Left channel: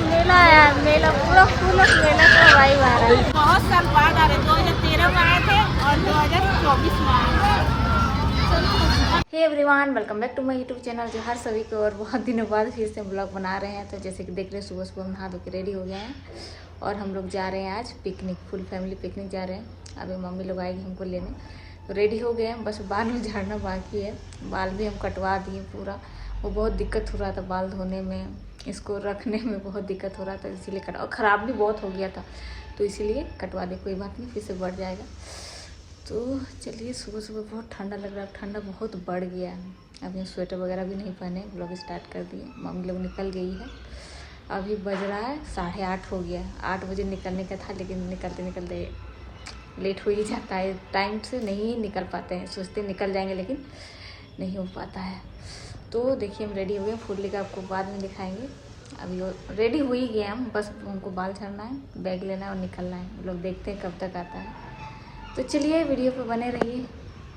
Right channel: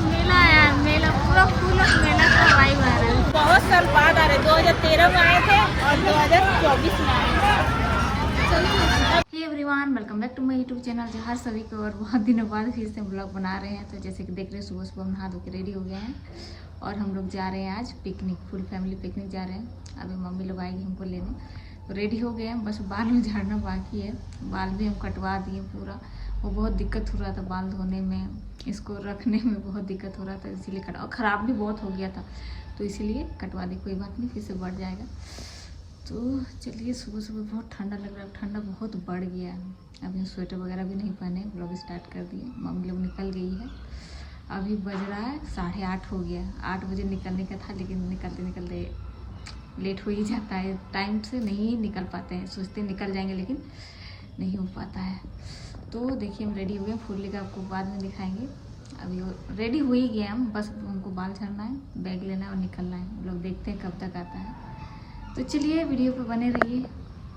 मेला आया, मेला पूरा full of मेला का वाइब आ रहा है। बहुत साल बाद आ रहे, 2013 में आए थे और 2024 में आए थे। Hey everyone, welcome back to my YouTube channel. जो हर सभी को और बहुत दिनों बाद फिर से ब्लॉग बना रहे हैं। तो जैसे कि देख रहे हैं, सुबह सुबह हम नहा धो के रेडी हो गए हैं और हम लोग जा रहे हैं आज पिकनिक, फुल फैमिली पिकनिक जा रहे हैं। अभी मम्मी लोग आएगी हमको लेने, तो रेडी हो गए हैं। बस बाल झाड़ना बाकी है। बाल भी हम कटवा दिए पूरा। वो बहुत दिक्कत हो रहा था बाल धोने में, इसको रखने में बहुत दिक्कत हो रहा था, इसीलिए कटवा। और ख़राब भी बहुत हो गया था, तो इसीलिए कटवा दे। कोई बात नहीं, फिर से बढ़ जाएगा। तो चलिए, सुबह सुबह बहुत ठंडा लग रहा है, ठंडा बहुत बढ़ गया है। अभी स्वेटर वगैरह भी नहीं पहने, ब्लॉग स्टार्ट कर दिए। मम्मी लोग निकल गई है। अभी बज रहा है 8:30 हो गया। 8 बजे निकलने का था, लेकिन निकलते निकलते लेट हो ही जाता है। टाइम से नहीं निकल पाते हैं, सोचते निकल जाएंगे लेकिन नहीं हो पाता है। तो देखिए, हम रेडी हो गए। फुल लेकर आपको बाद में दिखाएंगे। अभी रेडी हो ही गए हम, बस उनको बाल झाड़ना है, बैग लेना है और निकलना है। हम लोग देखते हैं कब तक आता है। तो चलिए, वीडियो पे बने रहिए।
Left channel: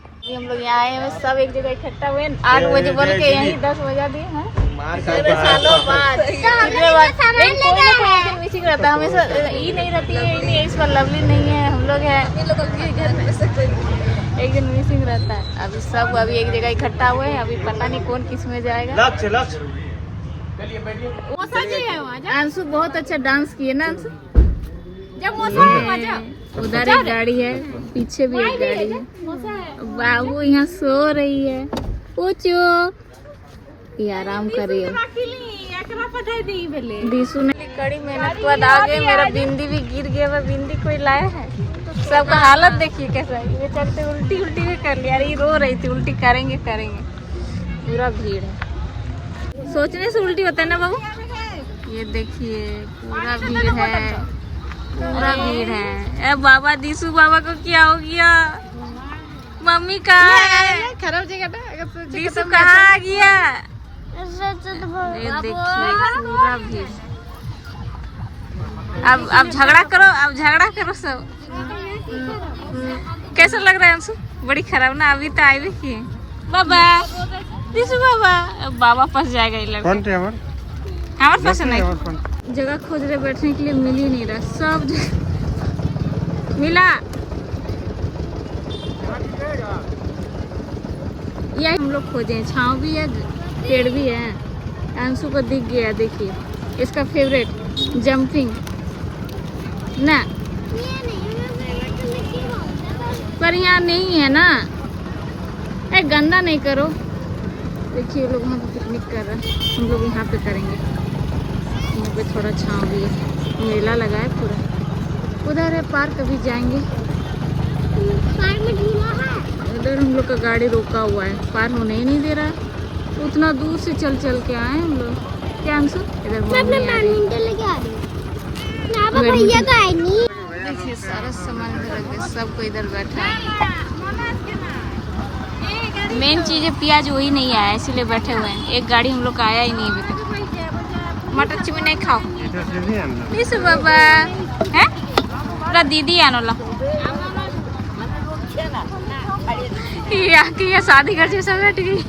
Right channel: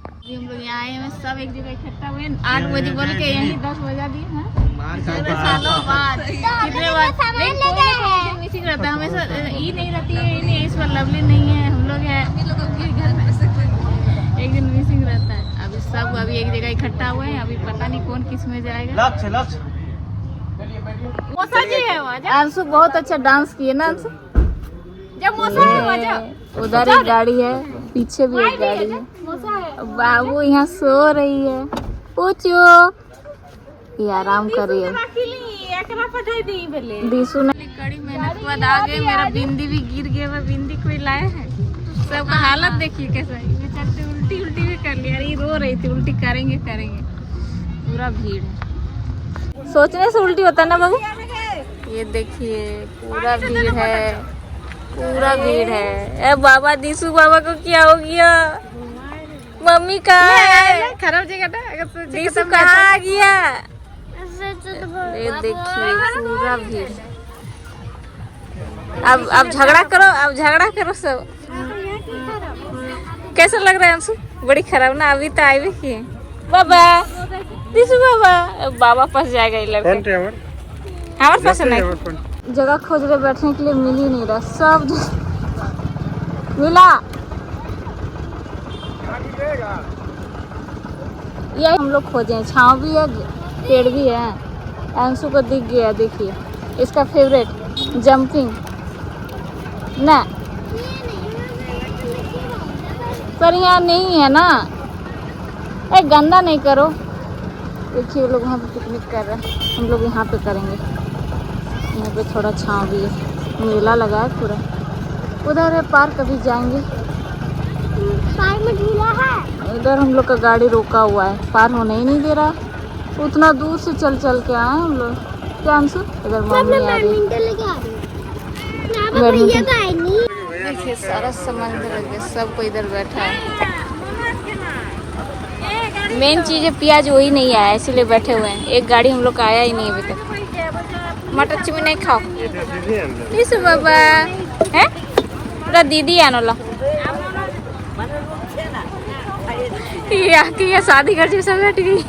अभी हम लोग यहाँ आए हैं, सब एक जगह इकट्ठा हुए। 8 बजे बोल के यहीं 10 बजा दिए हैं। सालों बाद मिसिंग रहता है हमेशा। ये नहीं रहती है, ये नहीं है, इस पर लवली नहीं है, हम लोग हैं, एक दिन मिसिंग रहता है। अभी सब अभी एक जगह इकट्ठा हुए हैं। अभी पता नहीं कौन किस में जाएगा। अंशु बहुत अच्छा डांस किए ना अंशु। जब उधर एक गाड़ी है, पीछे भी एक गाड़ी है। बाबू यहाँ सो रही है। पूछो, ये आराम कर रही है। दीसू ने कड़ी मेहनत के बाद आ गए। मेरा बिंदी भी गिर गया। वह बिंदी कोई लाया है। सबका हालत देखिए कैसा है। ये चलते उल्टी उल्टी भी कर लिया। ये रो रही थी, उल्टी करेंगे करेंगे। पूरा भीड़ है, सोचने से उल्टी होता है ना बाबू। ये देखिए, पूरा भीड़ है, पूरा भीड़ है। ए बाबा, दीसू बाबा को क्या हो गया? मम्मी कहाँ है? दीसू कहाँ आ गया? ये देखिए, पूरा भीड़। अब झगड़ा करो, अब झगड़ा करो सब। कैसा लग रहा है अंशु? बड़ी खराब ना। अभी तो आए भी किए बाबा, दीसू बाबा। बाबा फंस जाएगा ये लड़का। हमारे पास नहीं जगह खोज रहे बैठने के लिए, मिल ही नहीं रहा। सब मिला। ये हम लोग खोजे हैं, छांव भी है, पेड़ भी है। अंशु को दिख गया, देखिए इसका फेवरेट जंपिंग ना। पर यहाँ नहीं है ना। ए, गंदा नहीं करो। देखिए, वो लोग वहाँ पे पिकनिक कर रहे हैं, हम लोग यहाँ पे करेंगे। यहाँ पे थोड़ा छांव भी है, मेला लगा है पूरा। उधर है पार्क, अभी जाएंगे। पार्क में झूला है। उधर हम लोग का गाड़ी रोका हुआ है, पार होने ही नहीं दे रहा। उतना दूर से चल चल के आए हम लोग। क्या अंशु? इधर मम्मी आ रही है। देखिए, सारा सामान इधर, सबको इधर बैठा है। मेन चीज है प्याज, वही नहीं आया, इसीलिए बैठे हुए हैं। एक गाड़ी हम लोग का आया ही नहीं अभी तक। मटर चिमी नहीं खाओ इस बाबा है पूरा दीदी आनोला। ये शादी घर जैसा बैठ गई।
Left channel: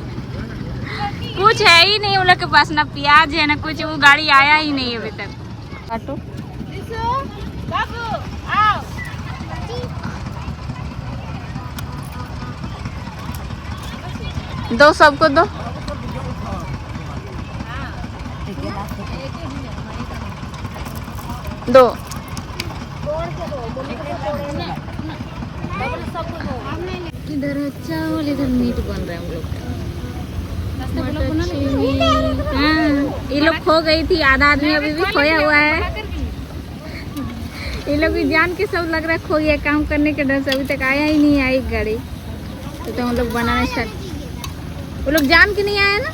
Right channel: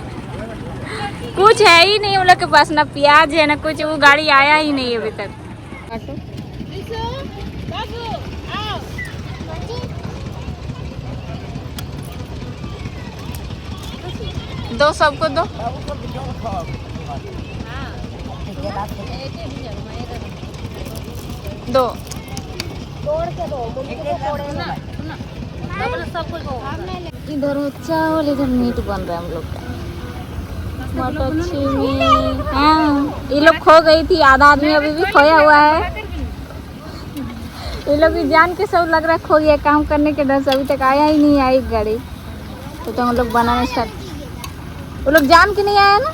कुछ है ही नहीं उन लोग के पास, ना प्याज है ना कुछ। वो गाड़ी आया ही नहीं अभी तक। दो, सबको दो। दो इधर चावल, इधर मीट बन रहा है हम लोग का। मटर चीनी। हाँ, ये लोग खो गई थी। आधा आदमी अभी भी खोया हुआ है। ये लोग भी जान के सब लग रहा है खो गया, काम करने के डर से अभी तक आया ही नहीं आई गाड़ी। तो हम लोग बनाने स्टार्ट। वो लोग जान के नहीं आया ना,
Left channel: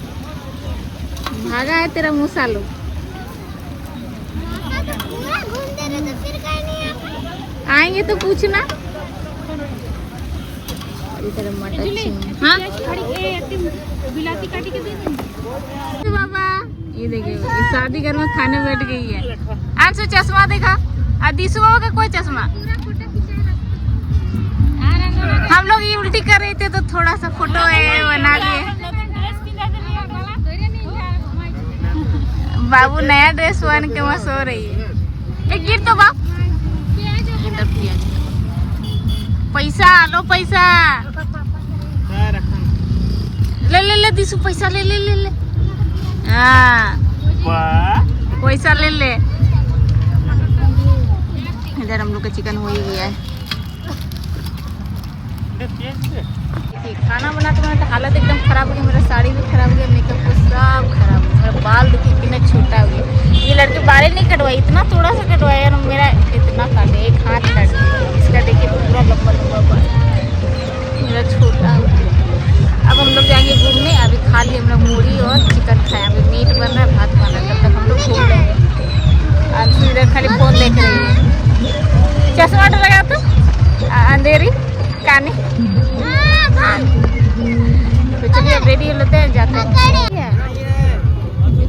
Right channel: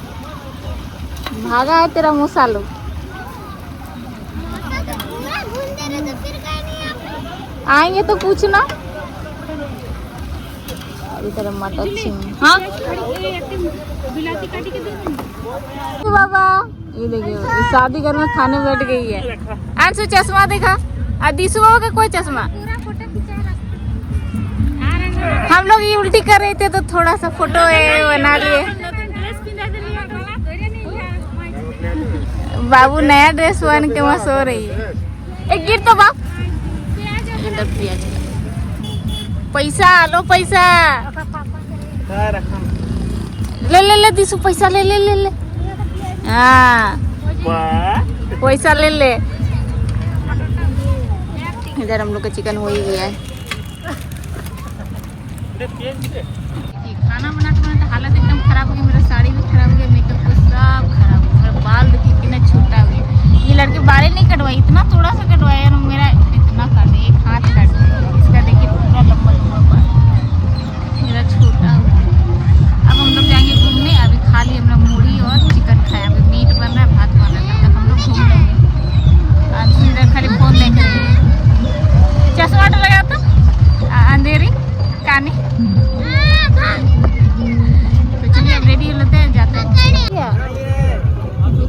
भागा है तेरा मूसा लोग। आएंगे तो पूछना। इधर मटर चीनी। हाँ बाबा, ये देखिए, इस शादी घर में खाने बैठ गई है। अंशु चश्मा देखा। दीसू बाबा का कोई चश्मा। हम लोग ये उल्टी कर रहे थे तो थोड़ा सा फोटो बना लिए। बाबू नया ड्रेस पहन के वहाँ सो रही है। एक गिर तो बाप इधर प्रिया जी पैसा लो पैसा ले ले ले दिसु पैसा ले ले ले ले हाँ पैसा ले ले। इधर हम लोग का चिकन हो ही गया है। खाना बनाते बनाते हालत एकदम खराब हो गई। मेरा साड़ी भी खराब हो गया, मेकअप वो सब खराब हो गया। मेरा बाल देखिए कितना छोटा हो गया। ये लड़की बाल नहीं कटवाई, इतना थोड़ा सा कटवाया ना, मेरा इतना काटे एक हाथ काट। इसका देखिए पूरा लंबा लंबा बाल मेरा छोटा हो गया। अब हम लोग जाएंगे घूमने। अभी खा लिए हम लोग मूढ़ी और चिकन खाए। अभी मीट बन रहा है, भात बन रहा है, तब तक हम लोग घूम लेंगे। अंशु इधर खाली फोन देख रही है। चश्मा लगा तो अंधेरी काने। तो चलिए अब रेडी लेते हैं, जाते हैं।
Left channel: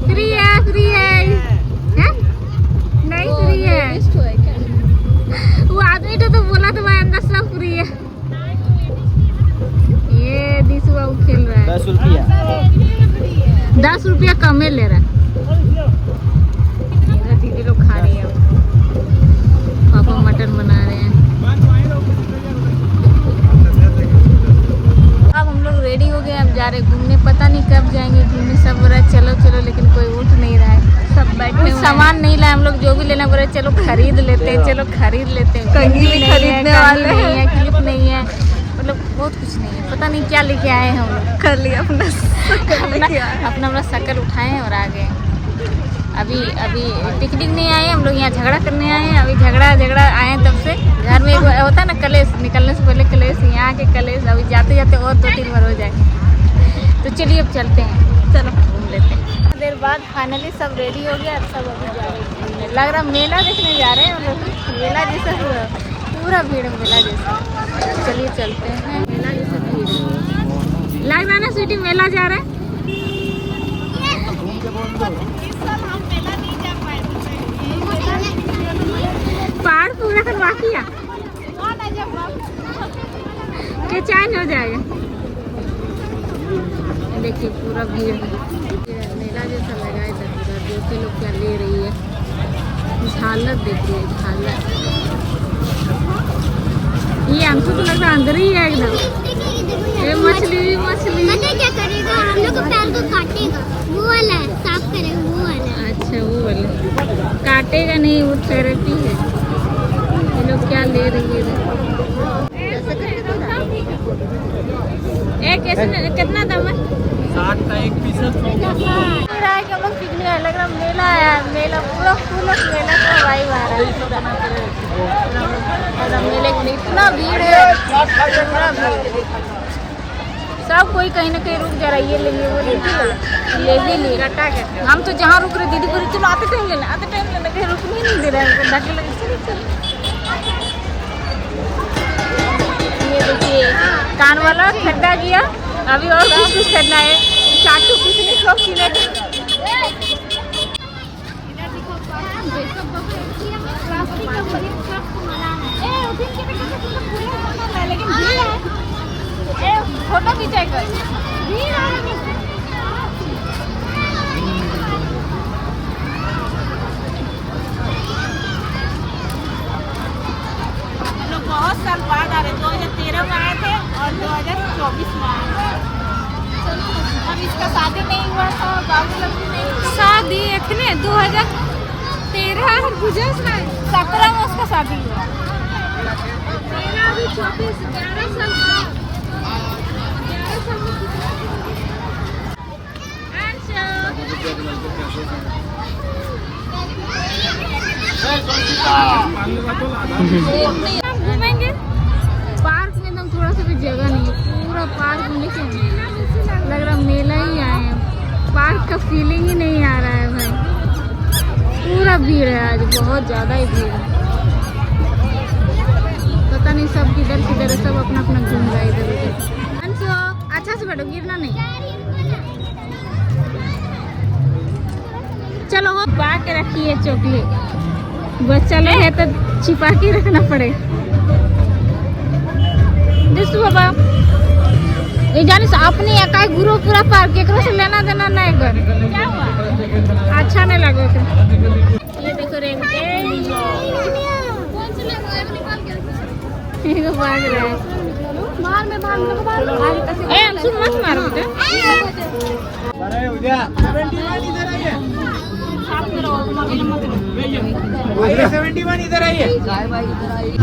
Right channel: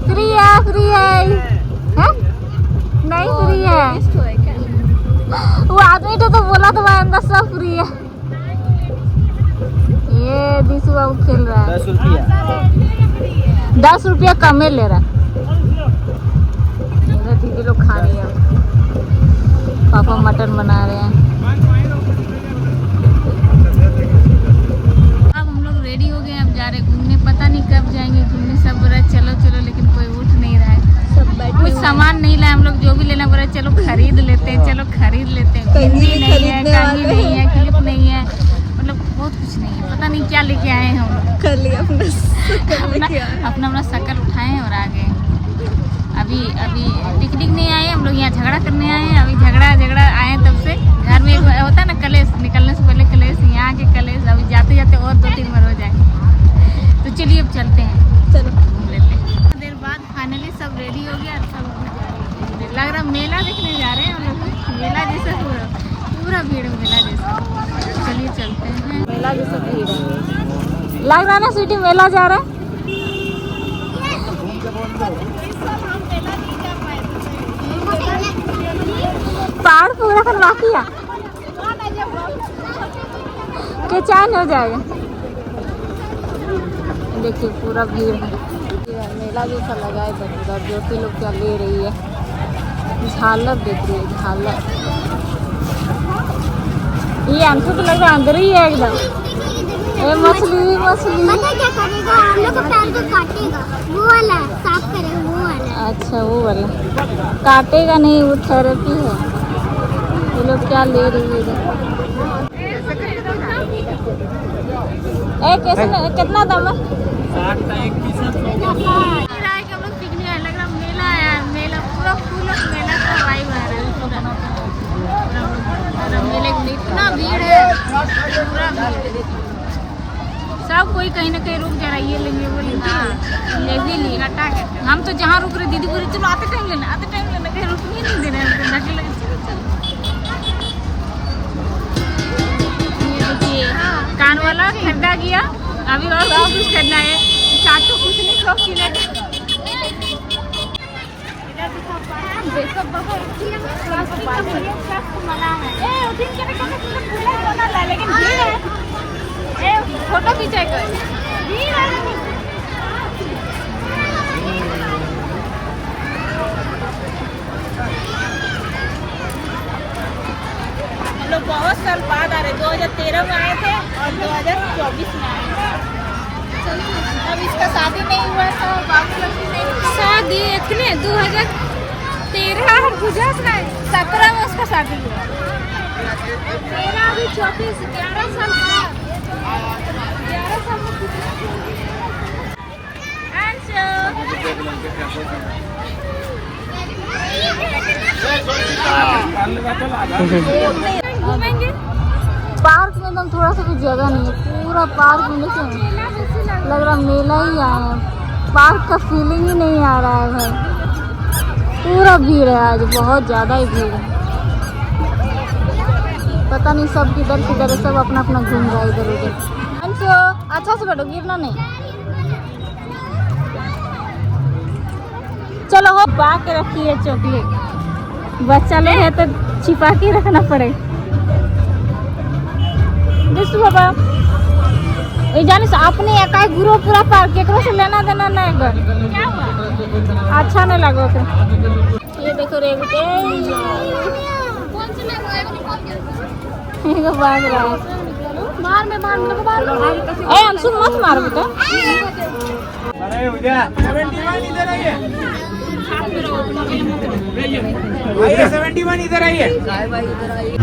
फ्री है फ्री है नहीं फ्री है। वो आदमी तो बोला था भाई अंदर सब फ्री है। ये दिशु बाबू खेल रहा है। 10 रुपया कम ले रहा है। दीदी लोग खा रही है, पापा मटन बना रहे हैं। अब हम लोग रेडी हो गए, अब जा रहे घूमने। पता नहीं कब जाएंगे घूमने। सब बोला चलो चलो, लेकिन कोई उठ नहीं रहा है। कुछ सामान नहीं लाए हम लोग। जो भी लेना बोला चलो खरीद लेते हैं, चलो खरीद लेते हैं। बिंदी नहीं है, कंघी नहीं है, क्लिप नहीं है, मतलब बहुत कुछ नहीं है। पता नहीं क्या लेके आए हैं हम लोग। कर लिया अपना शक्ल उठाए और आ गए। अभी पिकनिक नहीं आए हम लोग, यहाँ झगड़ा करने आए हैं। अभी झगड़ा आए हैं तब से। घर में एक होता है ना कलेश, निकलने से पहले कलेश, यहाँ के कलेश। अभी जाते जाते और 2-3 बार हो जाएंगे। तो चलिए अब चलते हैं, घूम लेते हैं। देर बाद फाइनली सब रेडी हो गया। सब अभी जा रहे हैं घूमने। लग रहा मेला देखने जा रहे हैं हम लोग। मेला जैसा पूरा भीड़ है, मेला जैसा। चलिए चलते हैं। मेला जैसा भीड़ है, लग रहा है ना स्वीटी मेला जा रहा है। पहाड़ पूरा करवा किया के चैन हो जाएगा। देखिए पूरा भीड़ है, मेला जैसा लगा है पूरा। ज्योति लोग क्या ले रही है, झालर देखिए झालर। ये अंशु तो लग रहा अंदर ही है एकदम। मछली पता क्या करेगा, हम लोग के पैर को काटेगा। वो वाला साफ करेगा, वो वाला। अच्छा वो वाला काटेगा नहीं, वो थेरेपी है। ये लोग क्या ले रही है। कितना दाम है? 60 का एक पीस है। रहा है कि हम लोग पिकनिक आए। लग रहा मेला आया, मेला पूरा फुल ऑफ मेला का वाइब आ रहा है। पूरा मेले में इतना भीड़ है, पूरा भीड़। सब कोई कहीं ना कहीं रुक जा रहा है। ये लेंगे वो लेंगे, ले भी लिए। हम तो जहाँ रुक रहे दीदी बोले चलो आते टाइम लेना, कहीं रुकने नहीं दे रहे हैं। ये देखिए कान वाला खरीदा गया। अभी और कुछ खरीदना है। चाटू कुछ नहीं, सब चीने फोटो खींचेगा। हम लोग बहुत साल बाद आ रहे। 2013 में आए थे और 2024 में आए थे। अब इसका शादी नहीं हुआ था, शादी इतने 2013 17 में उसका शादी हुआ। मेरा अभी 24 11 साल। घूमेंगे पार्क में। एकदम थोड़ा सा भी जगह नहीं है, पूरा पार्क में लग रहा मेला ही आए हैं। पार्क का फीलिंग ही नहीं आ रहा है भाई। पूरा भीड़ है आज, बहुत ज़्यादा ही भीड़ है। पता नहीं सब किधर किधर है, सब अपना अपना घूम रहा है इधर उधर। अंशु अच्छा से बैठो, गिरना नहीं। चलो हो पा के रखी है चॉकलेट। बच्चा लोग है तो छिपा के रखना पड़ेगा। बाबा ये जाने से अपने एका गुरु पूरा पार्क केकरो से लेना देना नहीं कर। क्या हुआ अच्छा नहीं लगा ये देखो रेबी भाग रहा है। अंशु मत मारो बेटा। इधर आइए।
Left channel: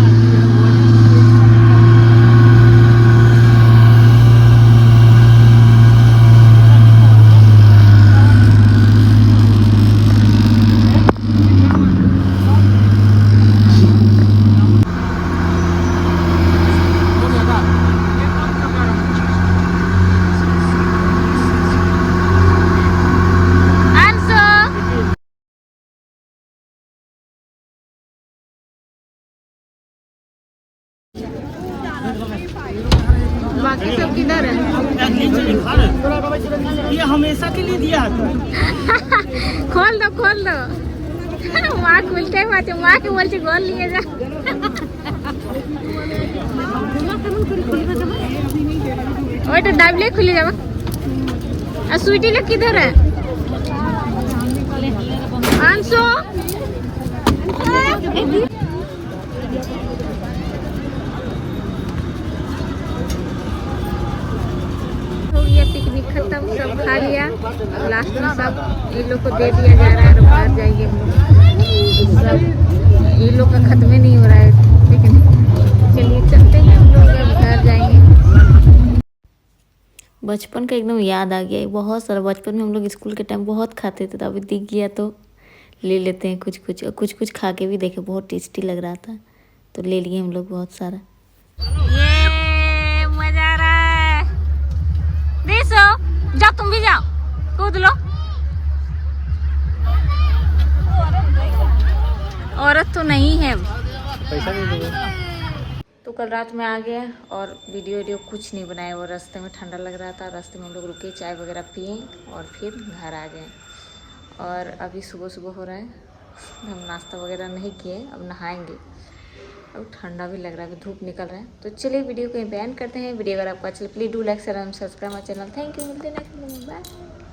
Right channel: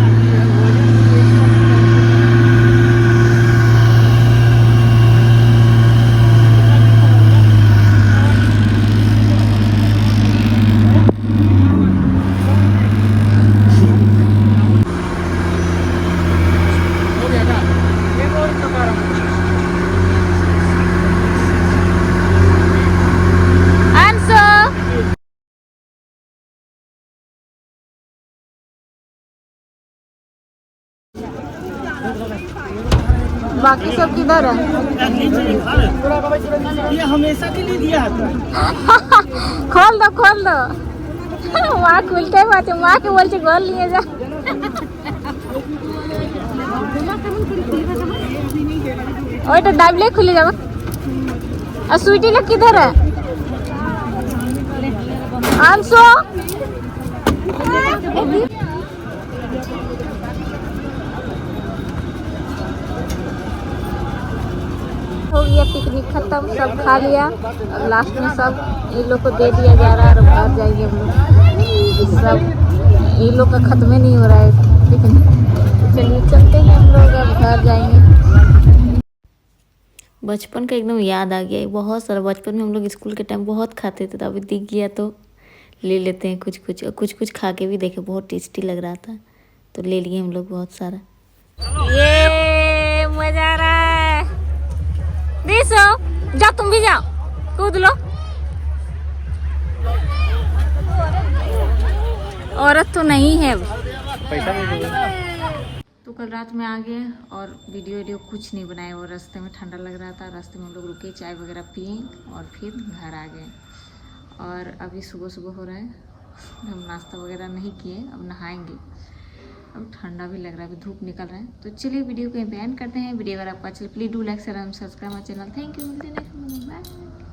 बाकी सब किधर है? ये हमेशा के लिए दिया था। खोल दो खोल दो। माँ खुलते बात माँ के बोल गोल लिए जा। ओए तो डाबले खुले जाओ। और स्वीटी लोग किधर है? अंशु हो गया पिकनिक खत्म, सब खा लिया। लास्ट में सब ये लोग को दे दिया जा रहा है और घर जाएंगे हम लोग। सब ये लोग का खत्म ही नहीं हो रहा है पिकनिक। चलिए चलते हैं हम लोग, अब घर जाएंगे। बचपन का एकदम याद आ गया। बहुत सारा बचपन में हम लोग स्कूल के टाइम बहुत खाते थे, तो अभी दिख गया तो ले लेते हैं कुछ कुछ। और कुछ कुछ खा के भी देखे, बहुत टेस्टी लग रहा था तो ले लिए हम लोग बहुत सारा। ये मजा आ रहा है। देखो जाओ, तुम भी जाओ, कूद लो। औरत तो नहीं है। तो कल रात में आ गए और वीडियो कुछ नहीं बनाए। वो रास्ते में ठंडा लग रहा था, रास्ते में हम लोग रुके, चाय वगैरह पिए और फिर घर आ गए। और अभी सुबह सुबह हो रहा है, हम नाश्ता वगैरह नहीं किए, अब नहाएंगे। अब ठंडा भी लग रहा है, अभी धूप निकल रहा है। तो चलिए वीडियो को यहीं पे एंड करते हैं। वीडियो अगर आपको अच्छा लगे please do like share and subscribe my channel. Thank you, मिलते हैं नेक्स्ट वीडियो में, बाय।